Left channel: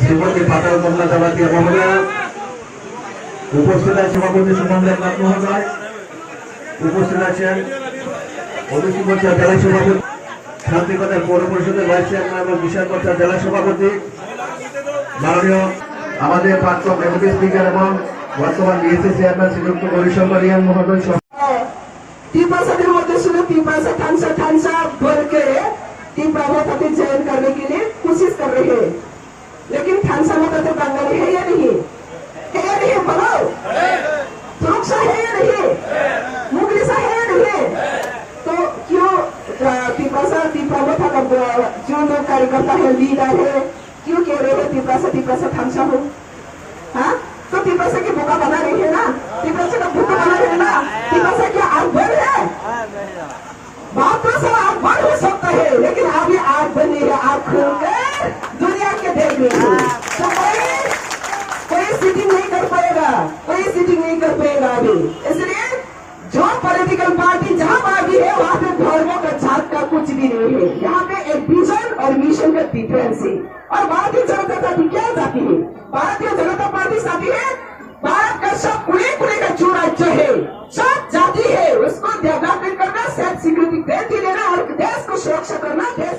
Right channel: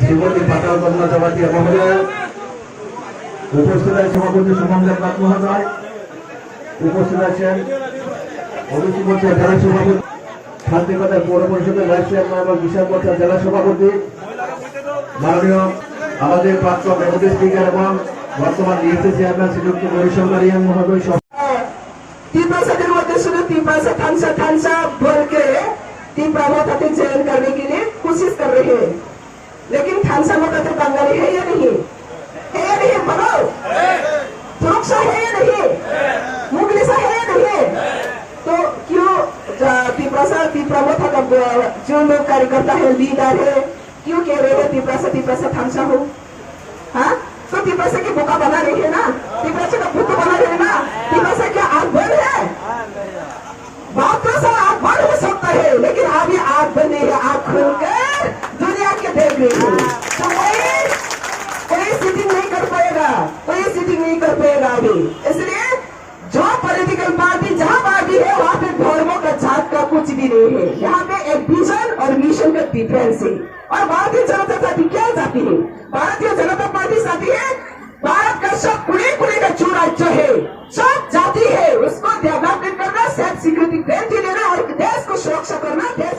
শ্রীমতী পাতাল কমলা জমাতিয়া মহোদয়, উপস্থিত আছেন সভাপতি সুমন দেবনাথ মহোদয়, উপস্থিত আছেন ওবিসি মোর্চা জেলা সভাপতি, শান্তিকতার পৌর পরিষদের ভাইস চেয়ারম্যান এবং বিশাল মোর্চা জেলা সভাপতি, মাননীয় আমাদের প্রাক্তন ডেপুটি স্পিকার এবং বর্তমান বিএসসি চেয়ারম্যান শ্রীযুক্ত গৌরীশঙ্কর রিয়াং মহোদয়। तीव्र मध्य सुनो तीव्र ठांसा बोल के तीव्र मोहते चयन करने के लिए कोशिश कर रहे हैं, लेकिन ठांसा मोहते बंगाली है या नहीं? है या नहीं? बोलो, सुरक्षा है या नहीं? मुगलिसा है या नहीं? तो क्यों तीव्र मोहता का जो लोग कार्यकर्ता है, लीडर है, क्यों कह रहे हैं तीव्र से ठांसा हो? हाँ, तो तीव्र से की बोका बना रही है ना, तीव्र से का भूख बना रही है ना, तीव्र से क्या आग बंद है? बात तो सब आग बंद हो सकता है, लेकिन अभी आग बनी है, आग खोलकर दुनिया के देख रही हो, तो कोई सीटिंग नहीं कर पाएगा, कोई सीटिंग नहीं कर पाएगा अभी। इसलिए जो पॉलिटिकल पार्टी जहाँ पार्टी है वहाँ पे धर्मों का जात का कुछ भी नहीं है, यहाँ पे एक विजन और मिशन का डिफरेंस है। और भारतीय जनता पार्टी क्या चाहती है? भारतीय जनता पार्टी चाहती है भारत का सब खुले का जो राज्य है, सब जाति है, उसको डेवलपमेंट करना, सेल्फ सिक्योरिटी देना और देश को सुरक्षा करना, देश